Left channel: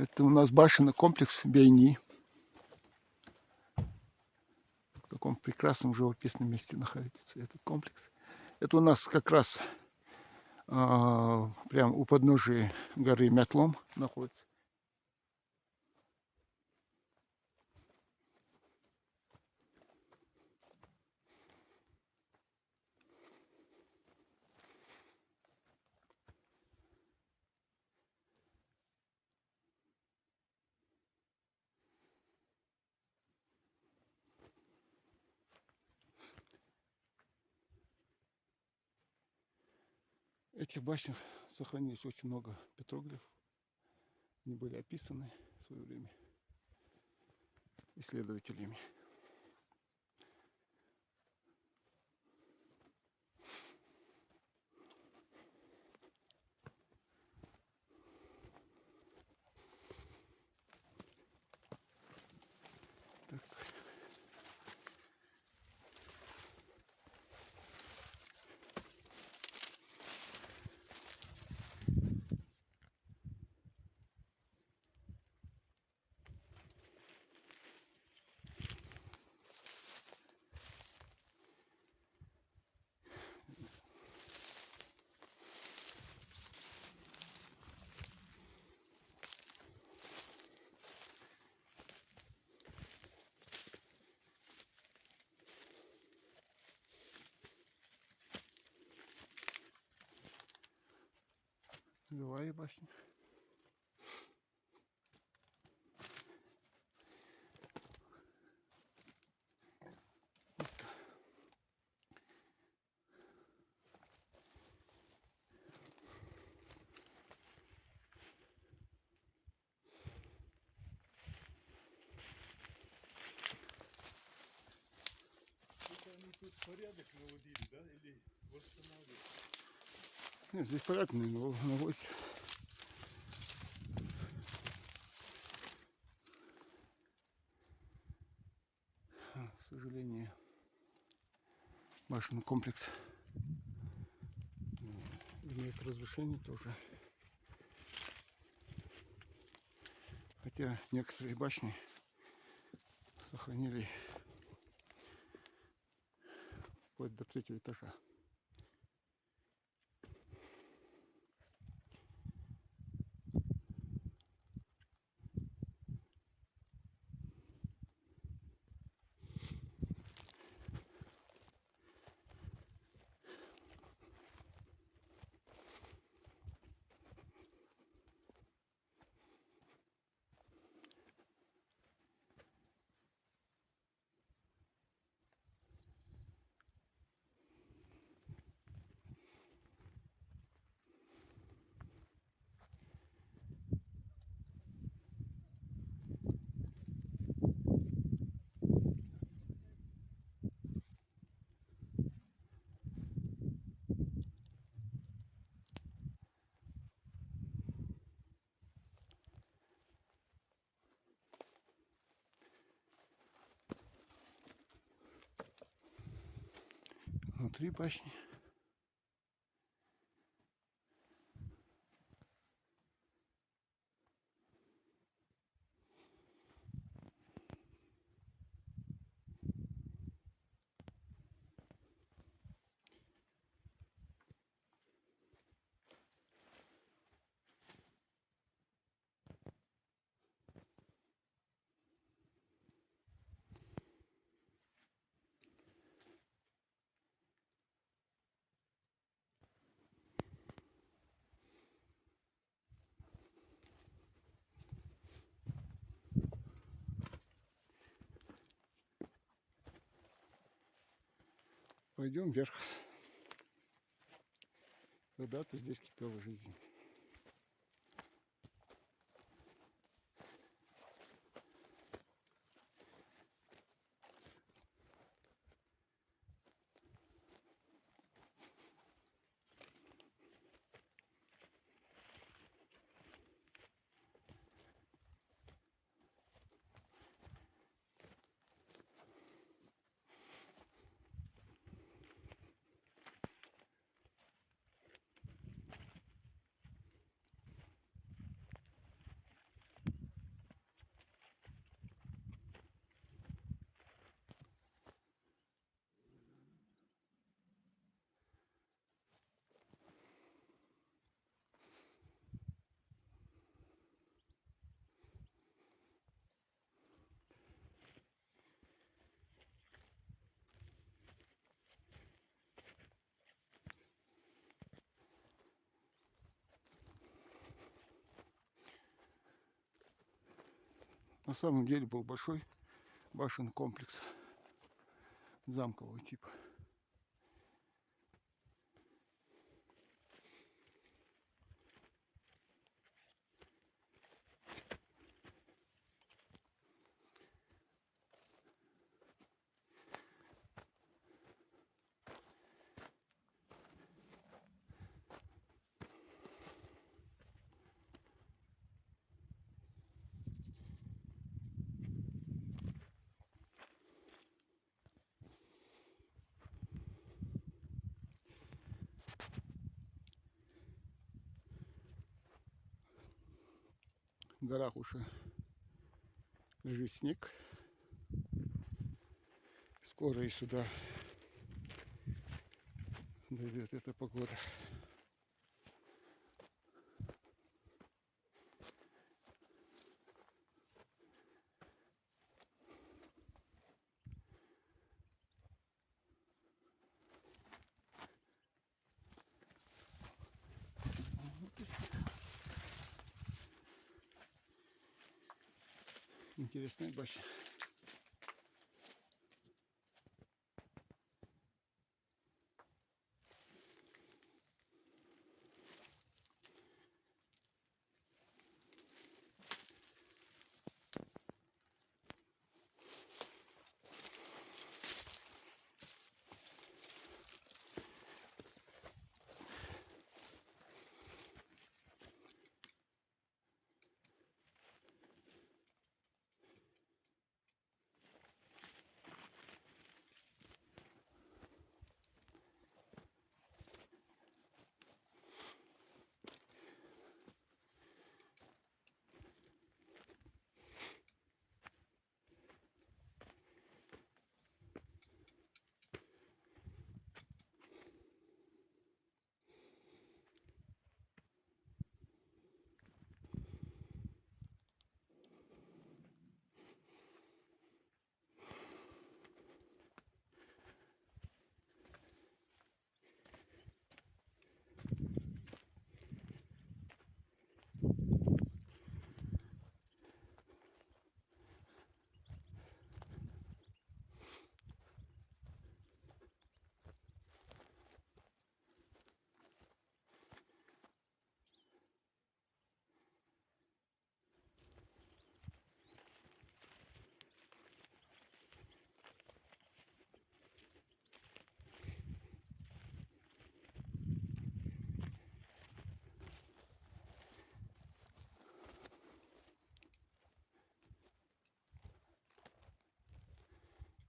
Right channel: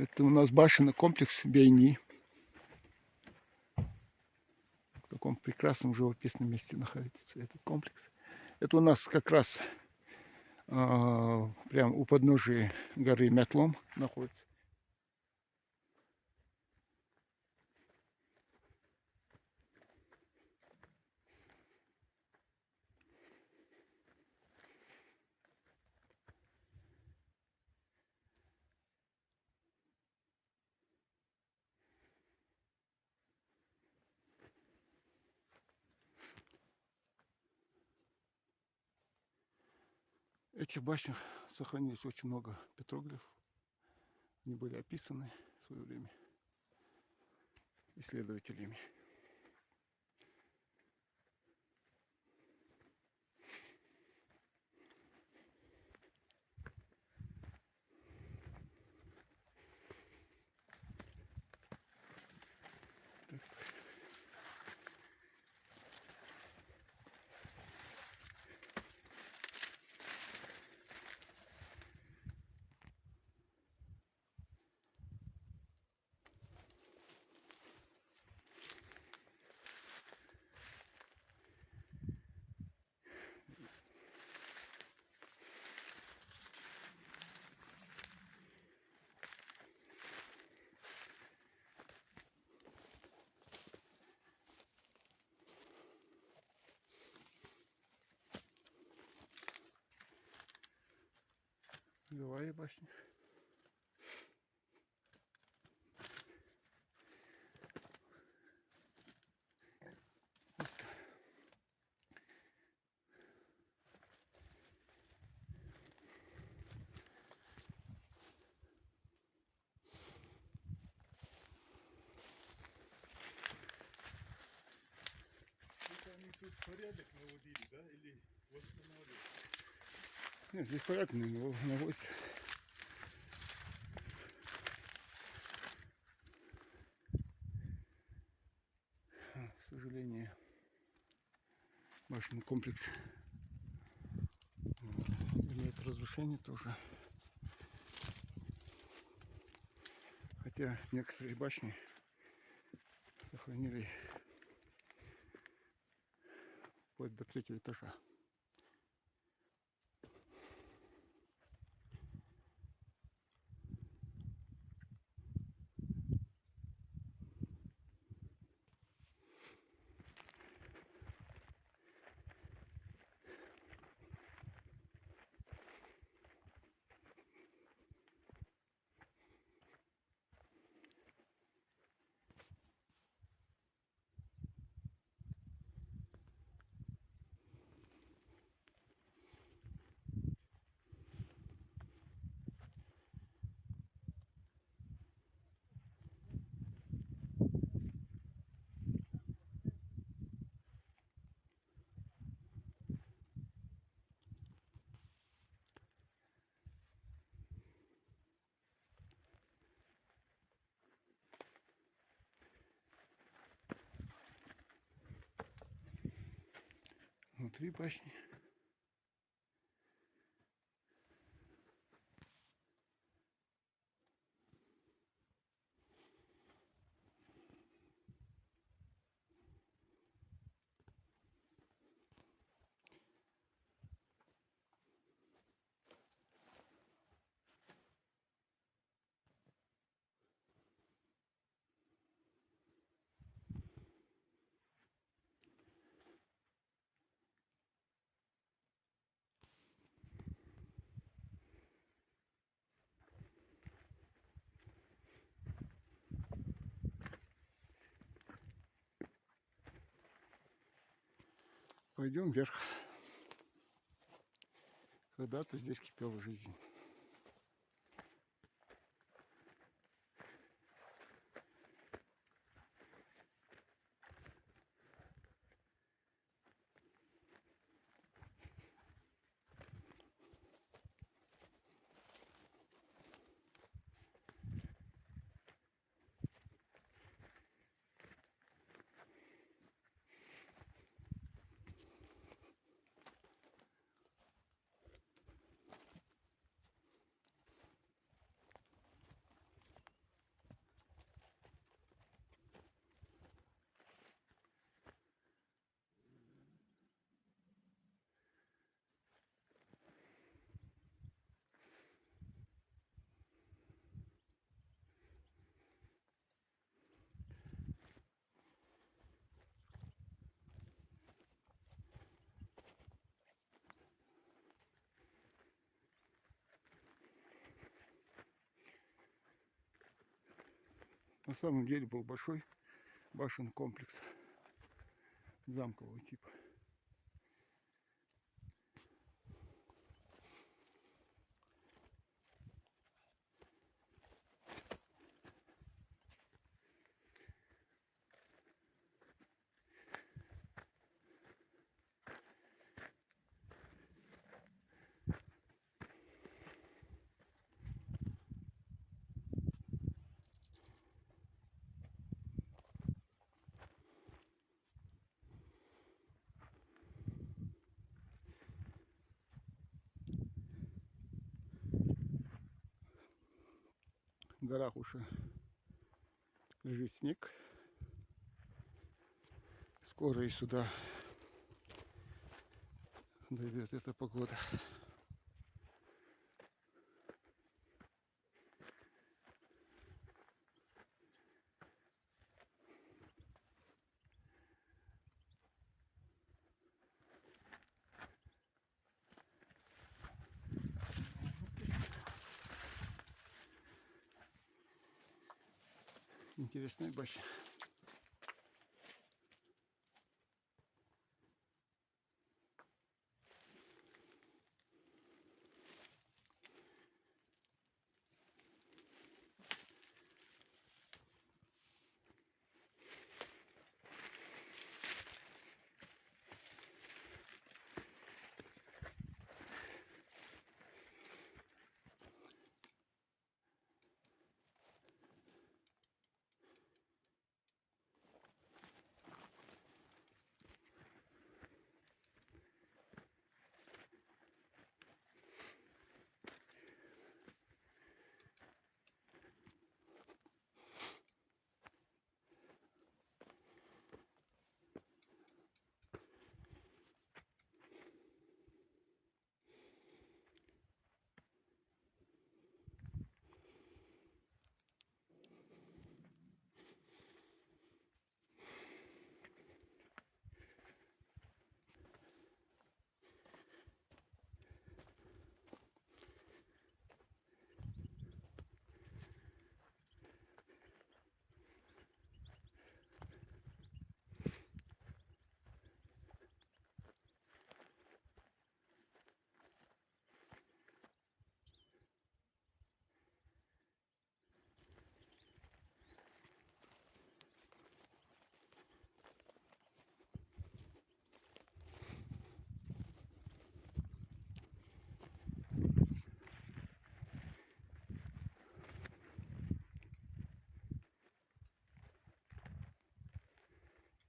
Это у нас башенный комплекс Бейни. В таком прекрасном живописном месте находится этот комплекс. Это у нас как раз прям у подножия горы Мятлом находится. В этих башнях сохранилось очень много петроглифов. Они были описаны в свое время исследователями. Белая башня. Тут порядок наводили, да, или восстанавливали? Нет, здесь порядок наводится. К сожалению, башенный комплекс имеет разрушение тоже. Хотя некоторые башни сохранили вплоть до 3-го этажа. Внутри башни. Пойдем вверх. Когда-то здесь кипела жизнь. На самом деле был большой башенный комплекс замкового типа. В горах уже лежит снег. Скоро и сюда дойдет эта погода. Интересная башня.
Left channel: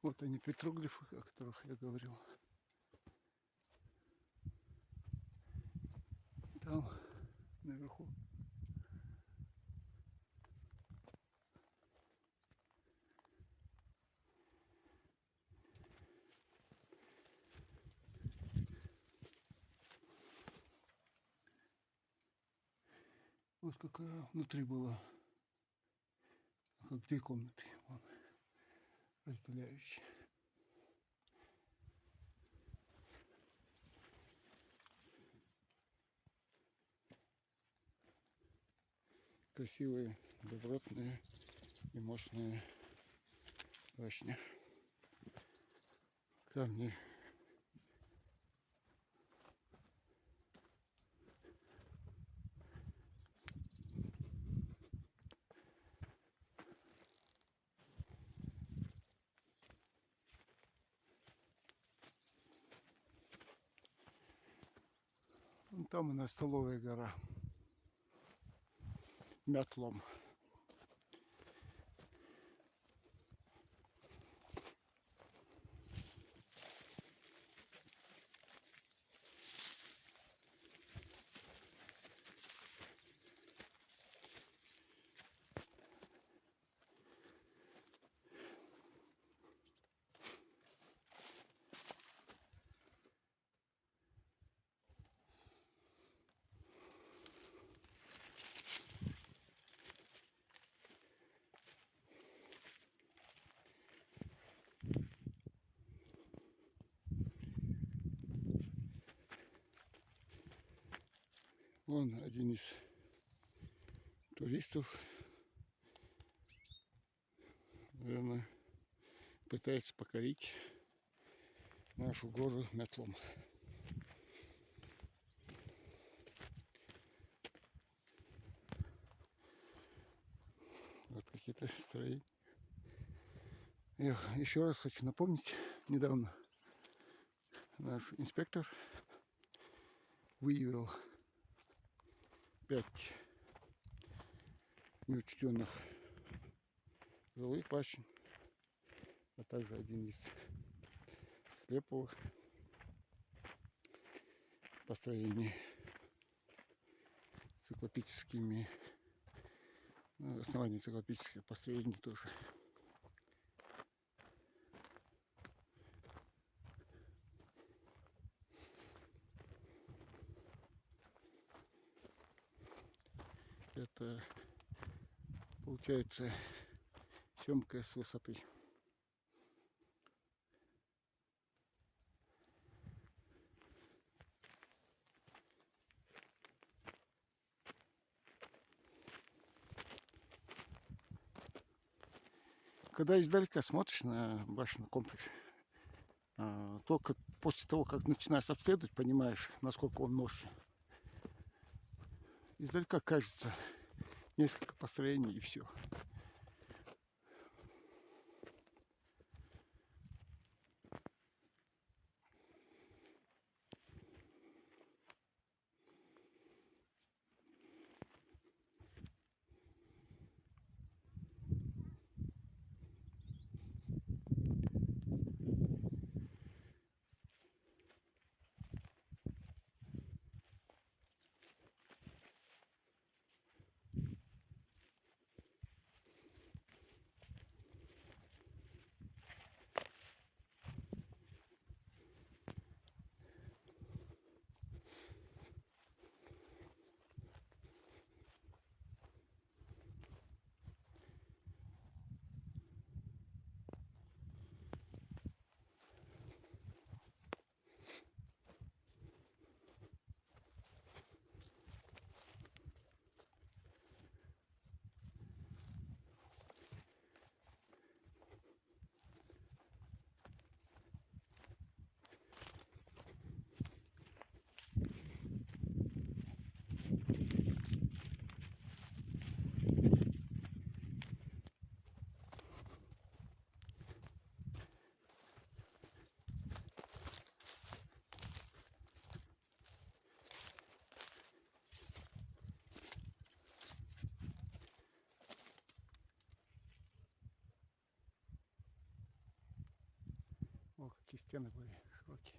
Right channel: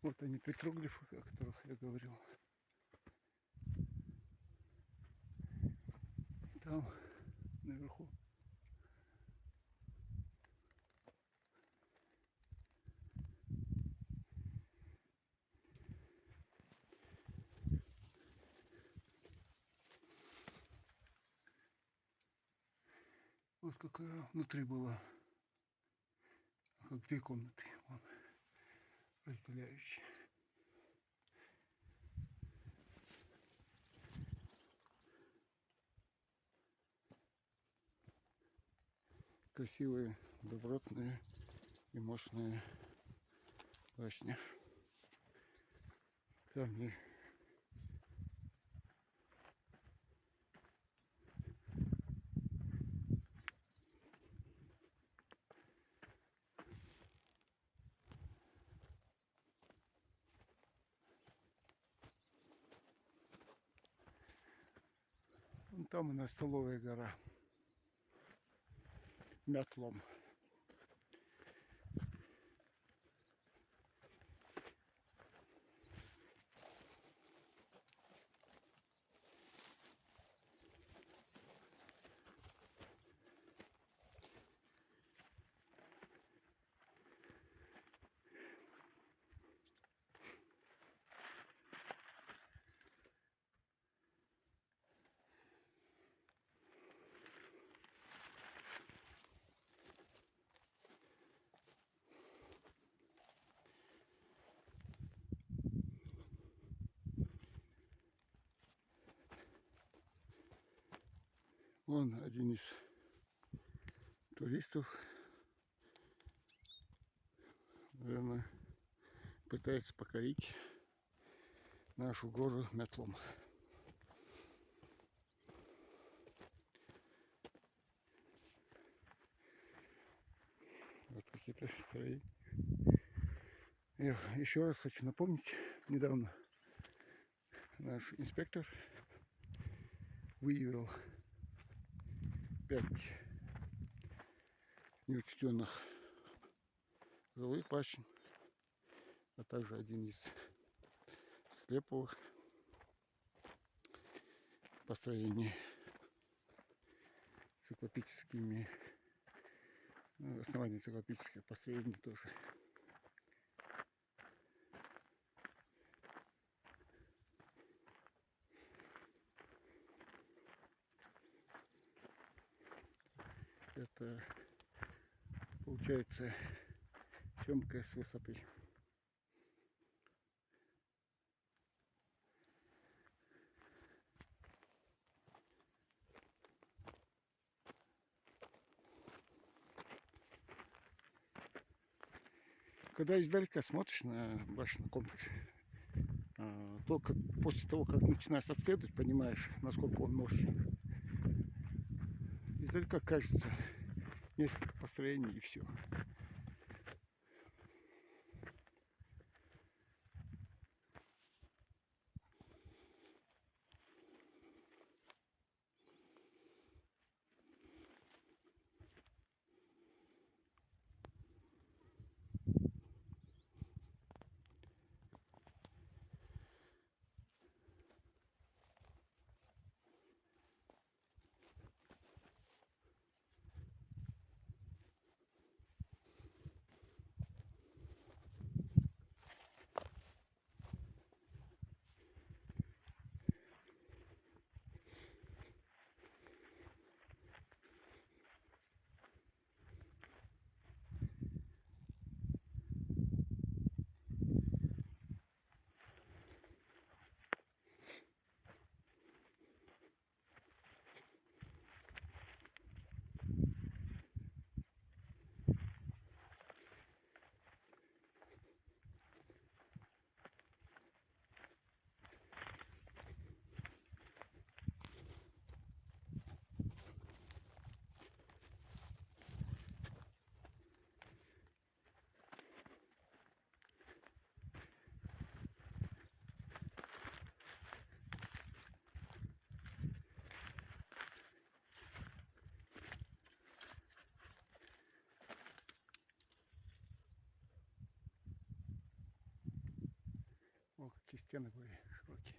Вот они, петроглифы, о которых я говорил. И там, наверху, вот какая внутри была, как две комнаты, вот, разделяющие. Красивые, добротные и мощные башни. Камни. Вон там у нас столовая гора. Мятлом. Вон один из туристов наверное, пытается покорить нашу гору метлом. Вот какие-то строения. Еще раз хочу напомнить, недавно наш инспектор выявил 5 неучтенных жилых башен, а также один из склеповых построений циклопическими, основания циклопических построений тоже. Это получается съемка с высоты. Когда издалека смотришь на башенный комплекс, только после того, как начинаешь обследовать, понимаешь, насколько он мощный. Издалека кажется несколько построений и все. О, какие стены были широкие.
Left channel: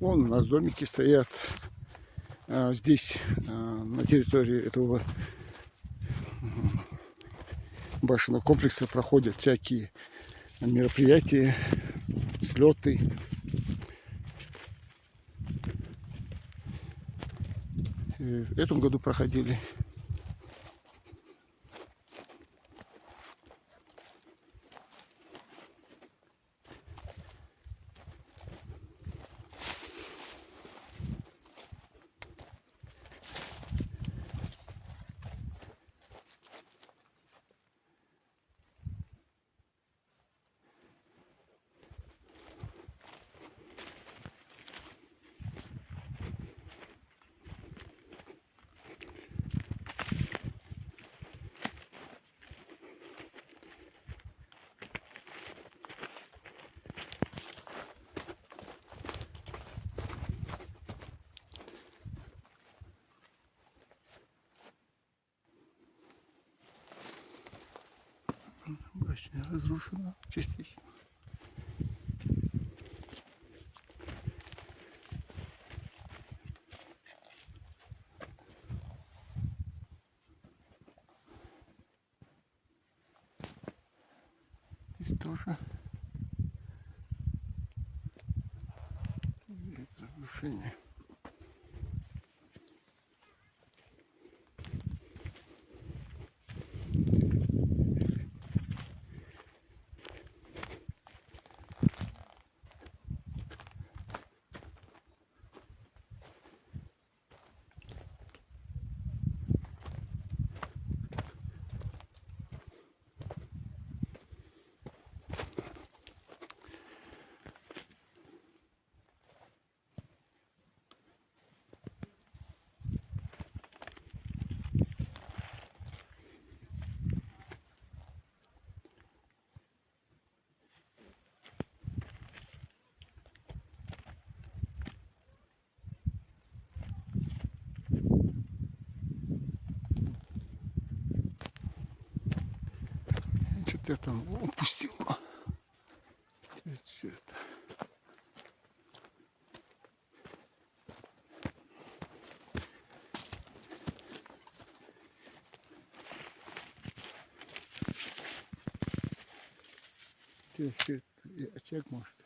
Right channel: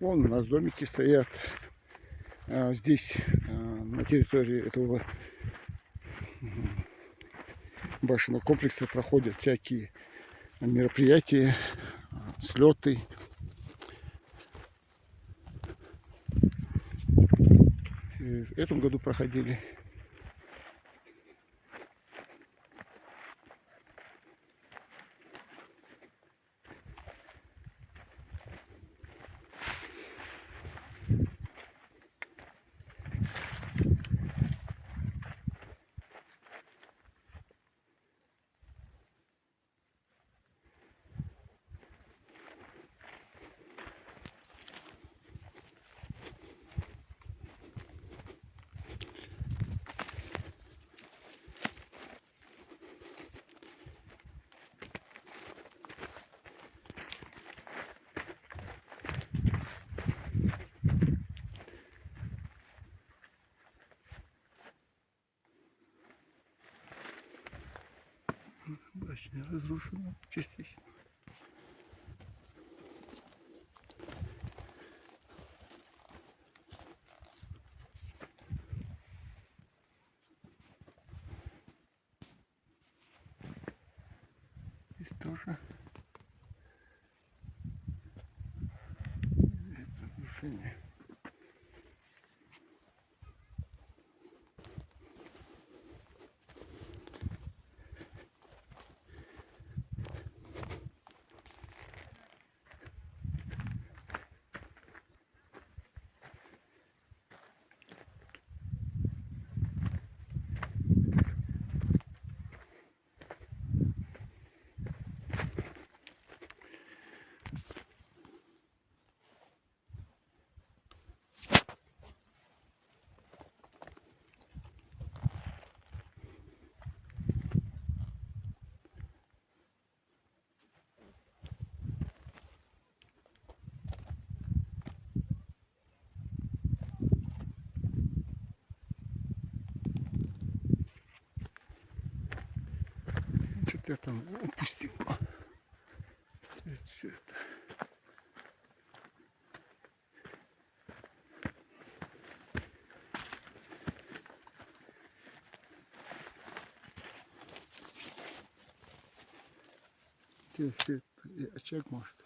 Вон у нас домики стоят. Здесь, на территории этого башенного комплекса, проходят всякие мероприятия, слеты. И в этом году проходили. частично разрушена, частично. Здесь тоже видно разрушение. Что-то я там упустил. Все это. Где все это? И очаг может.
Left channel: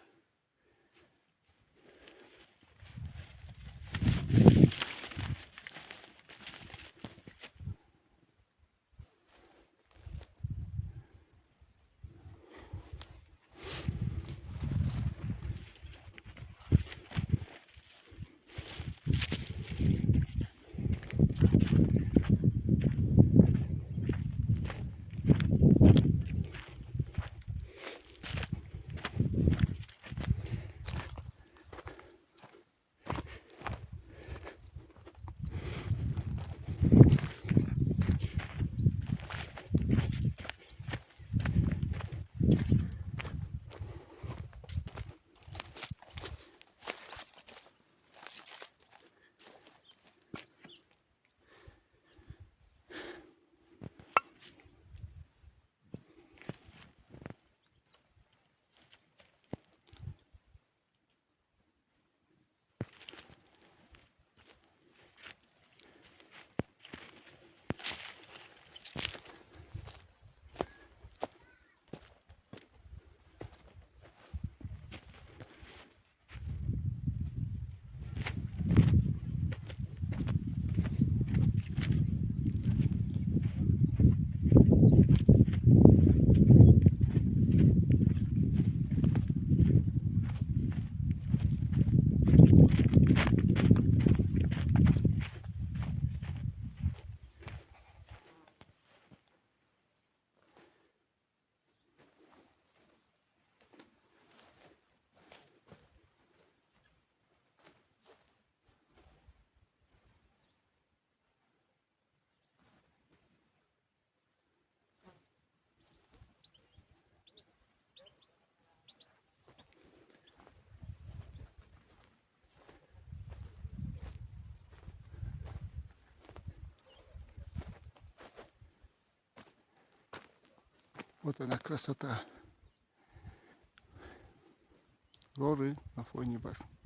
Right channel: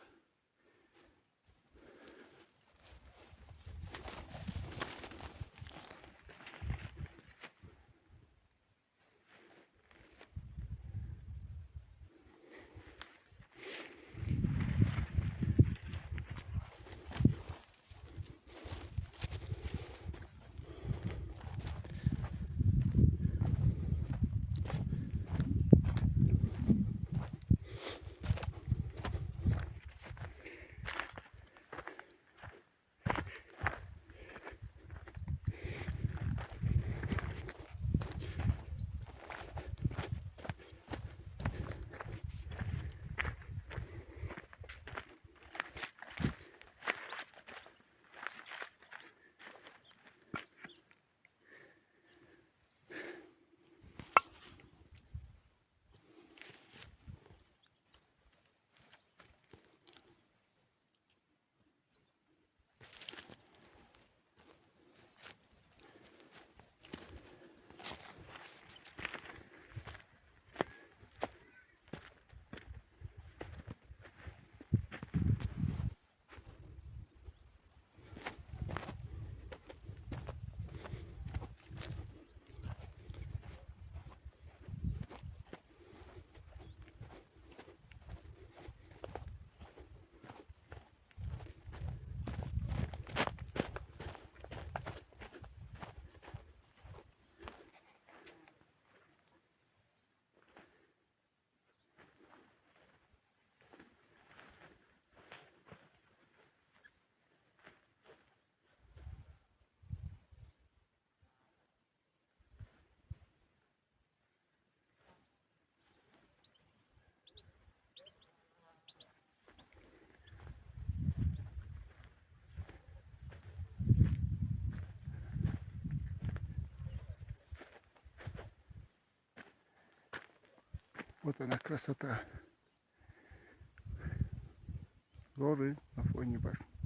Вот она красота. Горы на фоне башни.